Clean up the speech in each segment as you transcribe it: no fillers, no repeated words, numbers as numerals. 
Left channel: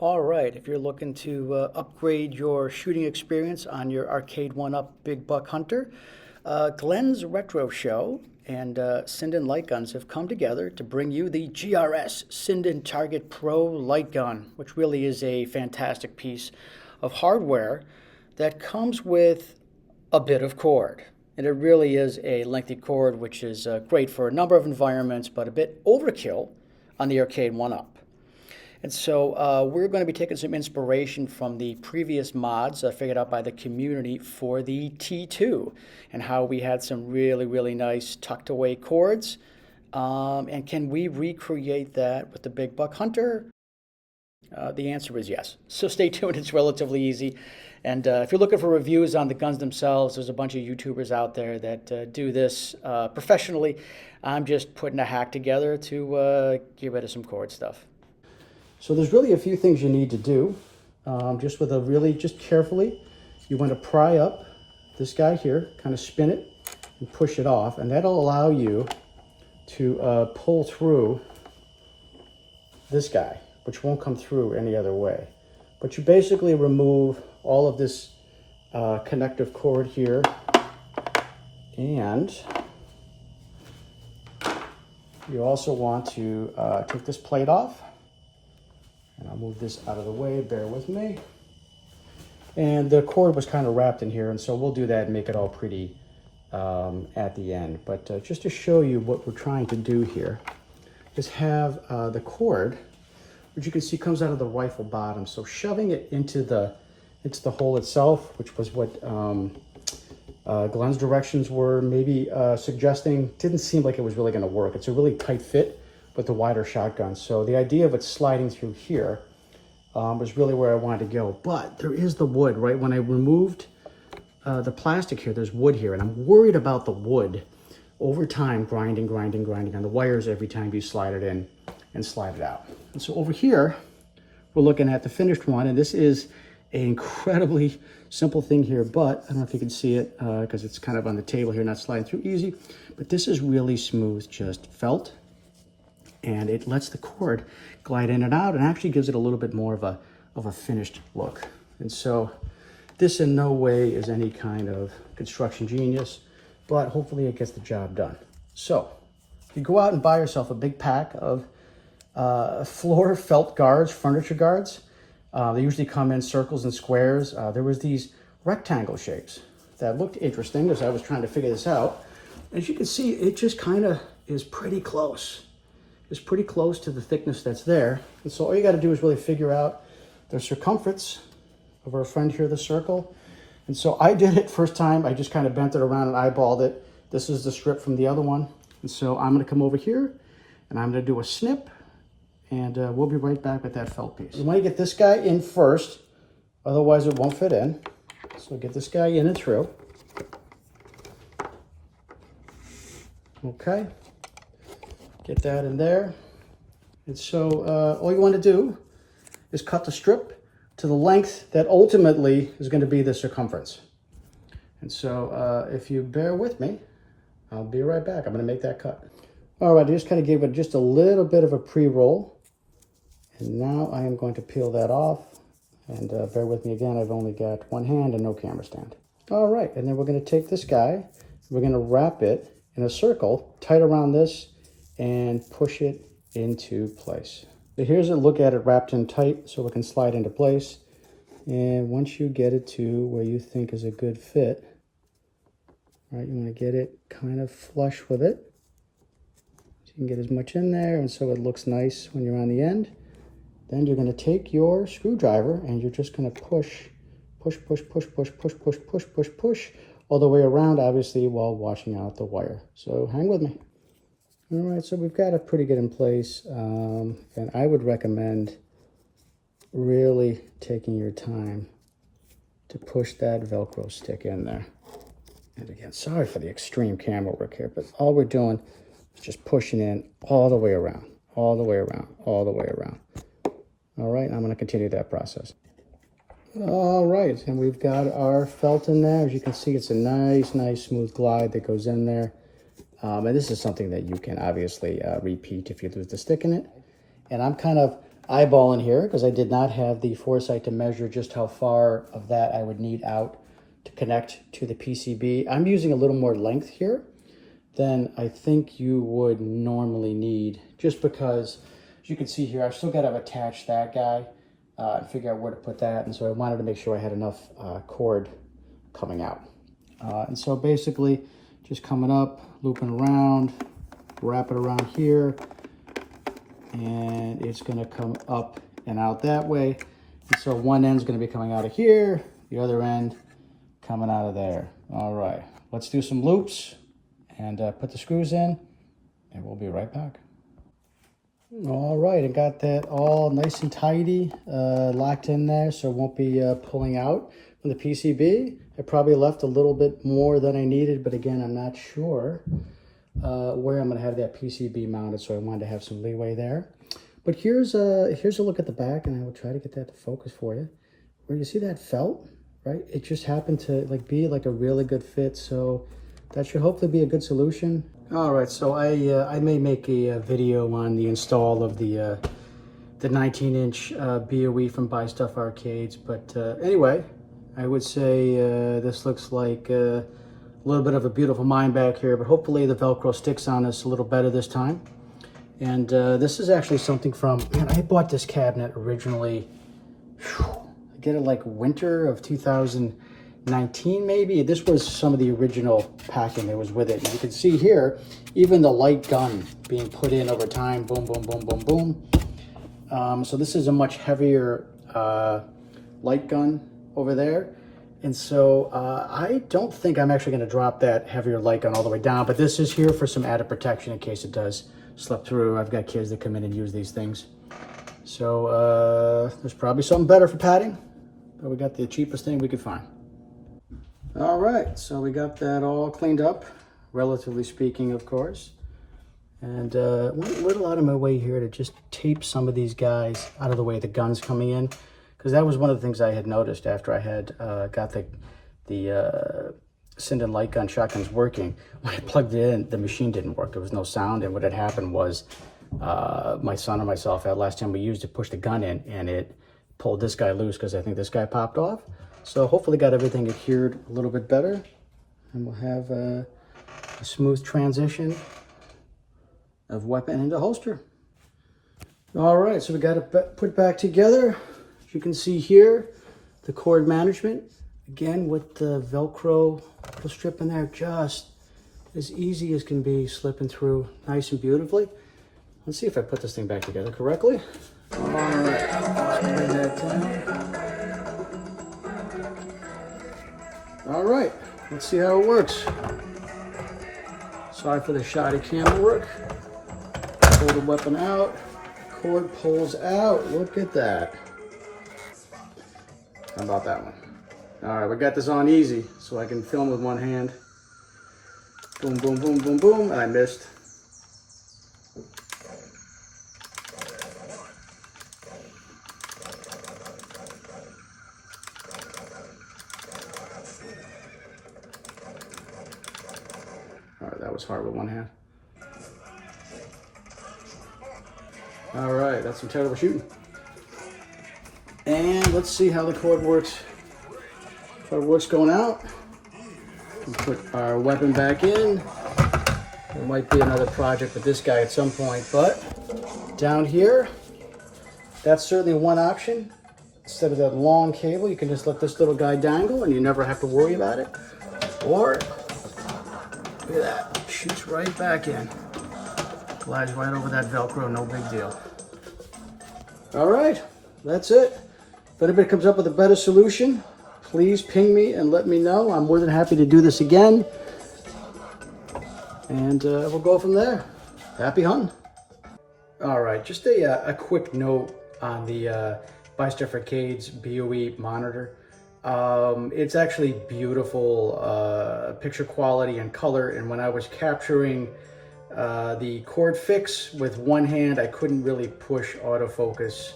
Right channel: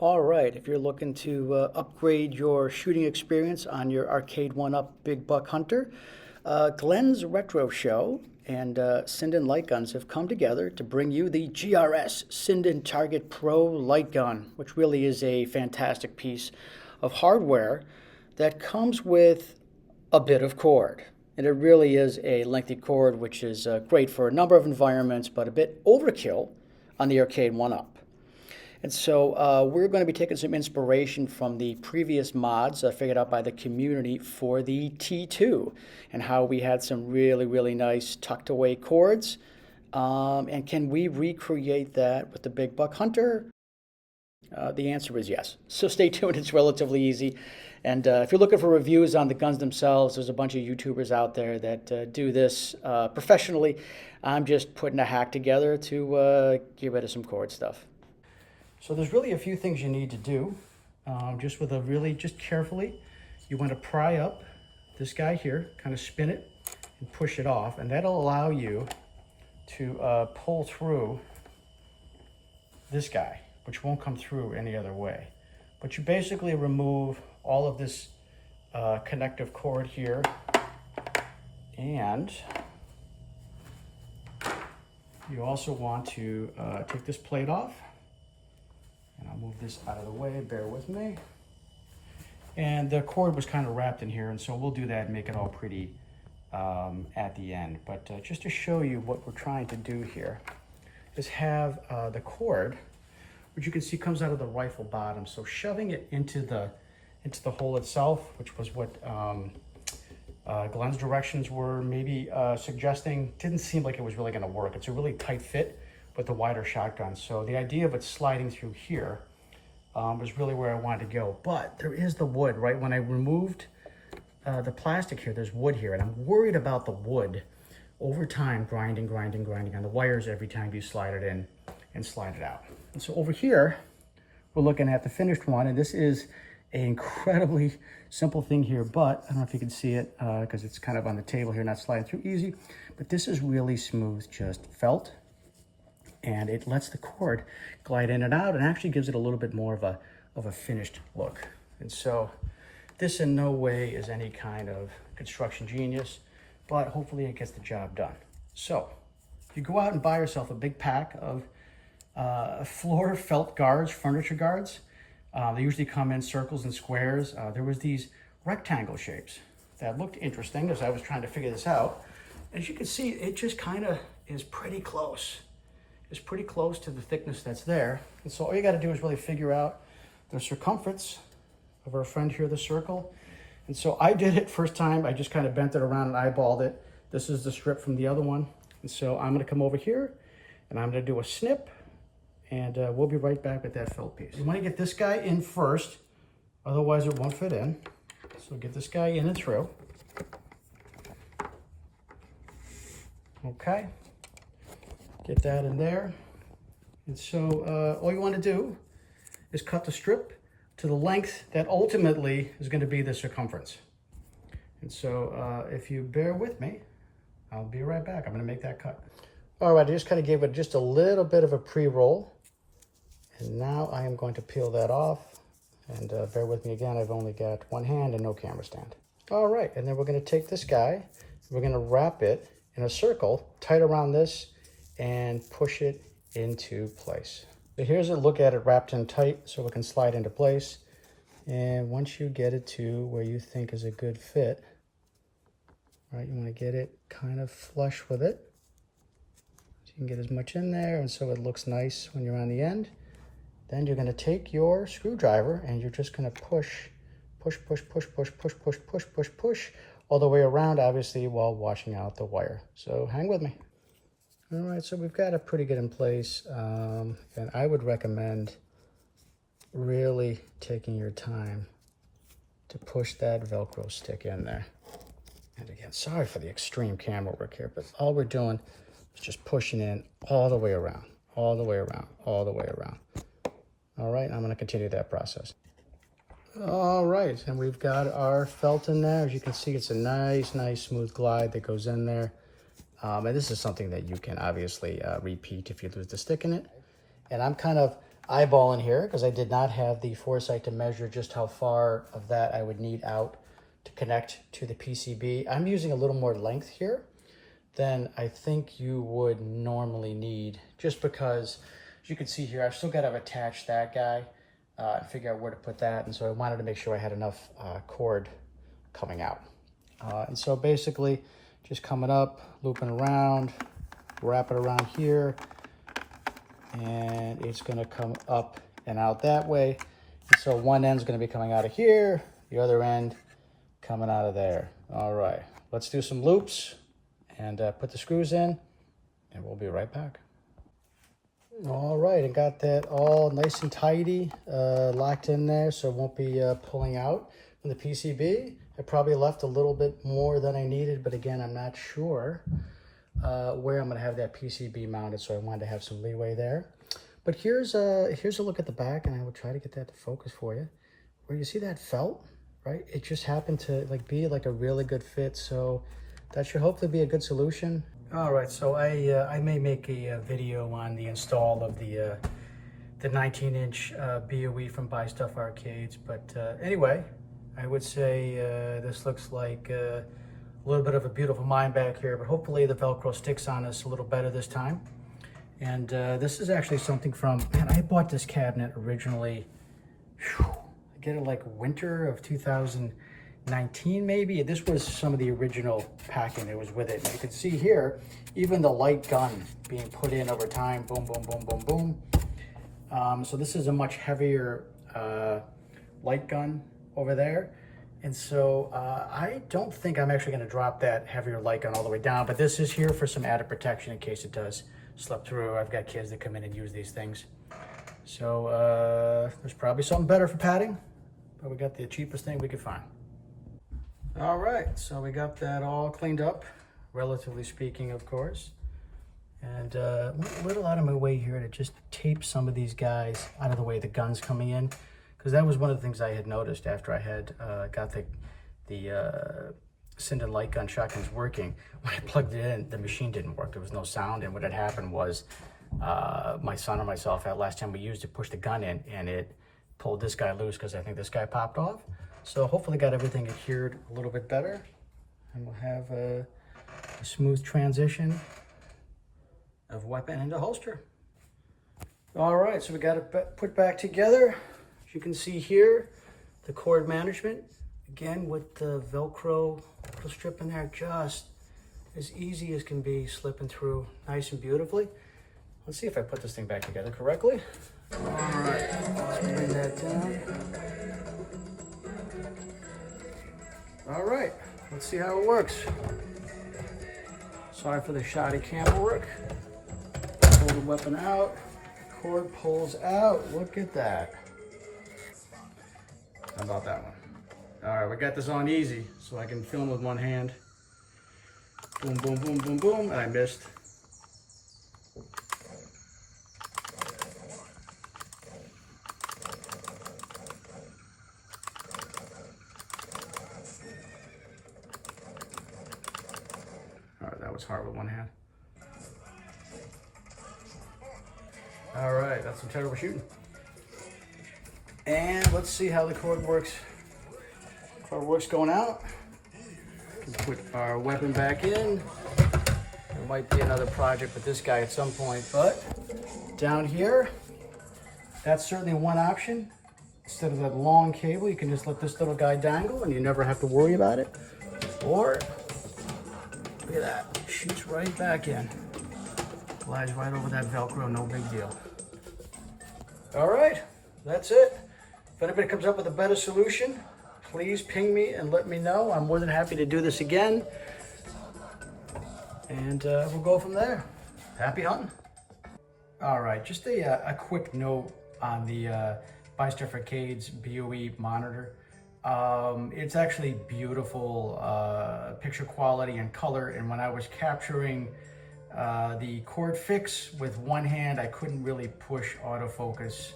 All right, if you're looking to upgrade your shooting experience on your Arcade1up Big Buck Hunter, Glenn's Retro Show and Sinden Light Guns have come together to bring you the GRS Sinden Target Pro Light Gun, which really is a fantastic piece of hardware that comes with a bit of cord. And it really is a lengthy cord, which is great for a number of environments, but a bit overkill on the Arcade1up. And so we're going to be taking some inspiration from the previous mods figured out by the community for the T2 and how we had some really nice tucked away cords. And can we recreate that with the Big Buck Hunter? The answer is yes. So stay tuned, it's relatively easy. And if you're looking for reviews on the guns themselves, there's a bunch of YouTubers out there that do this professionally. I'm just putting a hack together to get rid of some cord stuff. So there's really a few things you need to do. Just carefully, you want to pry up this guy here, kind of spin it and push it off, and that'll allow you to pull through this guy, which won't come through any other way. But you basically remove all of this connective cord here, and you also want to take this plate off. And I'll move this out of the way, bear with me. And the cord was kind of wrapped in here, and so we'll do that and make it all pretty at the end. But just to show you what we're trying to do here is have the cord, which you can see comes out of the rifle bottom. So shoving it into the hole itself, which was what Glenn's directions were maybe suggesting, didn't seem like it was really going to work. It's a really tight fit with the wider shotgun. So the idea of it sliding through here was really where I wanted to go. But there is the wood, right? When I removed the plastic here, there's wood here, and I'm worried about the wood over time grinding on the wires every time you slide it in and slide it out. And so over here, we're looking at the finished one, and this is an incredibly simple thing here, but I don't know if you can see it because it's kind of on the table here, not sliding through easy, but this is really smooth, just felt. And it lets the cord glide in and out and actually gives it a little bit more of a finished look. And so this in no way is any kind of construction genius, but hopefully it gets the job done. So if you go out and buy yourself a big pack of floor felt guards, furniture guards, they usually come in circles and squares. There was these rectangle shapes that looked interesting as I was trying to figure this out. As you can see, it just kind of is pretty close. Is pretty close to the thickness that's there. And so all you got to do is really figure out the circumference of our friend here, the circle. And so I did it first time. I just kind of bent it around and eyeballed it. This is the strip from the other one. And so I'm going to come over here and I'm going to do a snip, and we'll be right back with that felt piece. You want to get this guy in first, otherwise it won't fit in. So get this guy in and through. Okay. Get that in there. And so all you want to do is cut the strip to the length that ultimately is going to be the circumference. And so if you bear with me, I'll be right back. I'm going to make that cut. All right, I just kind of gave it just a little bit of a pre-roll. And now I am going to peel that off. And bear with me again, I've only got one hand and no camera stand. All right, and then we're going to take this guy, we're going to wrap it in a circle, tight around this, and push it into place. So here's a look at it wrapped in tight so it can slide into place. And once you get it to where you think is a good fit, right, you want to get it kind of flush with it. So you can get as much in there and so it looks nice when you're on the end. Then you're going to take your screwdriver and you're just going to push all the way around, obviously, while washing out the wire. So hang with me. All right, so we've got it pretty good in place, and I would recommend really taking your time to push that Velcro stick in there. And again, sorry for the extreme camera work here, but all we're doing is just pushing in all the way around, all the way around, all the way around. All right, I'm going to continue that process. All right, and we've got our felt in there. As you can see, it's a nice smooth glide that goes in there. And this is something that you can obviously repeat if you lose the stick in it. And I'm kind of eyeballing here because I did not have the foresight to measure just how far of that I would need out to connect to the PCB. I'm using a little more length here than I think you would normally need, just because, as you can see here, I've still got to attach that guy and figure out where to put that. And so I wanted to make sure I had enough cord coming out. And so basically just coming up, looping around, wrap it around here, and it's going to come up and out that way. And so one end's going to be coming out of here, the other end coming out of there. All right, let's do some loops and put the screws in, and we'll be right back. All right, I got that all nice and tidy, locked in there, so it won't be pulling out from the PCB. I probably left a little bit more than I needed, but again, I'm not sure where I'm gonna have that PCB mounted, so I wanted to have some leeway there. But here's a look at the back, and I will try to get that to focus for you. Where you see that felt, right? It just happened to be like a really good fit, so that should hopefully be a good solution. All right, so I may make a video on the install of the 19-inch BOE from Buy Stuff Arcades, but anyway, I would say this looks like a little bit of a beautiful mine back here, but hopefully the Velcro sticks on us a little better this time. And this is actually something from, man, I bought this cabinet originally, I get it like winter of 2019 maybe. This was some of the original packing that was with it. And you can see here, even the light gun being put in over time, boom, boom, boom, boom, boom. So this is a much heavier light gun over there. And so I don't think I'm actually going to drop that heavier light gun all the way down, but this is here for some added protection in case it does slip through. I've got kids that come in and use these things. So there's probably something better for padding, but we got the cheapest thing we could find. All right, so we got that all cleaned up, relatively speaking, of course. And went a little out of my way here to just tape some of these guys out of the way, the guns coming in, because that was one of the things I had noticed after I had got the Sinden light gun shotguns working. When I plugged it in, the machine didn't work. There was no sound, and what had happened was my son or myself, that last time we used it, pushed the gun in, and it pulled this guy loose because I think this guy popped off. So hopefully got everything adhered a little bit better, and we'll have a smooth transition of weapon into holster. All right, so we got it put back together. As you can see here, the cord management, again with the Velcro little strip in there, just as easy as can be, slipping through nice and beautifully. Let's see if I put this thing back together correctly. All right, let's put that down. All right, let's see how it works. Sorry for the shoddy camera work. Pull the weapon out, cord pulls out. Look at that. How about that one? All right, we got this on easy so I can film with one hand. Boom, boom, boom, boom, boom, and I missed. All right, that was hard with one hand. All right, that's some terrible shooting. And let's see how the cord works. Cord works going out. We put our weapon back in. There might be another project with this guy at some point, but down here, that's certainly one option. Instead of that long cable, you can just let this little guy dangle and you never have to worry about it. Or, look at that, shoots right back in. Glides right over that Velcro, no big deal. All right, that's it. If anybody comes up with a better solution, please ping me and let me know. I'm more than happy to do this again. And we'll go from there. Happy hunting. All right, just a quick note on the Buy Stuff Arcades BOE Monitor. It's actually beautiful picture quality and color, and when I was capturing the cord fix with one hand, I couldn't really push autofocus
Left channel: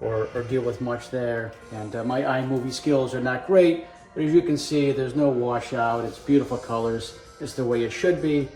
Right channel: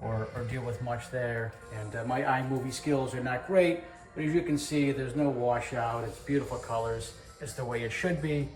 or deal with much there, and my iMovie skills are not great, but as you can see, there's no washout. It's beautiful colors. It's the way it should be,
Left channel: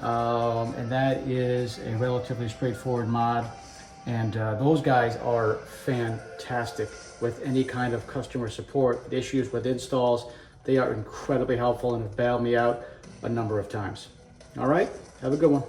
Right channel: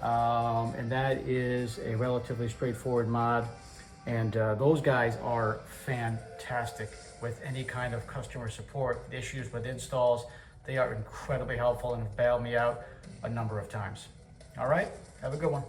and that is a relatively straightforward mod. And those guys are fantastic with any kind of customer support, issues with installs. They are incredibly helpful and have bailed me out a number of times. All right, have a good one.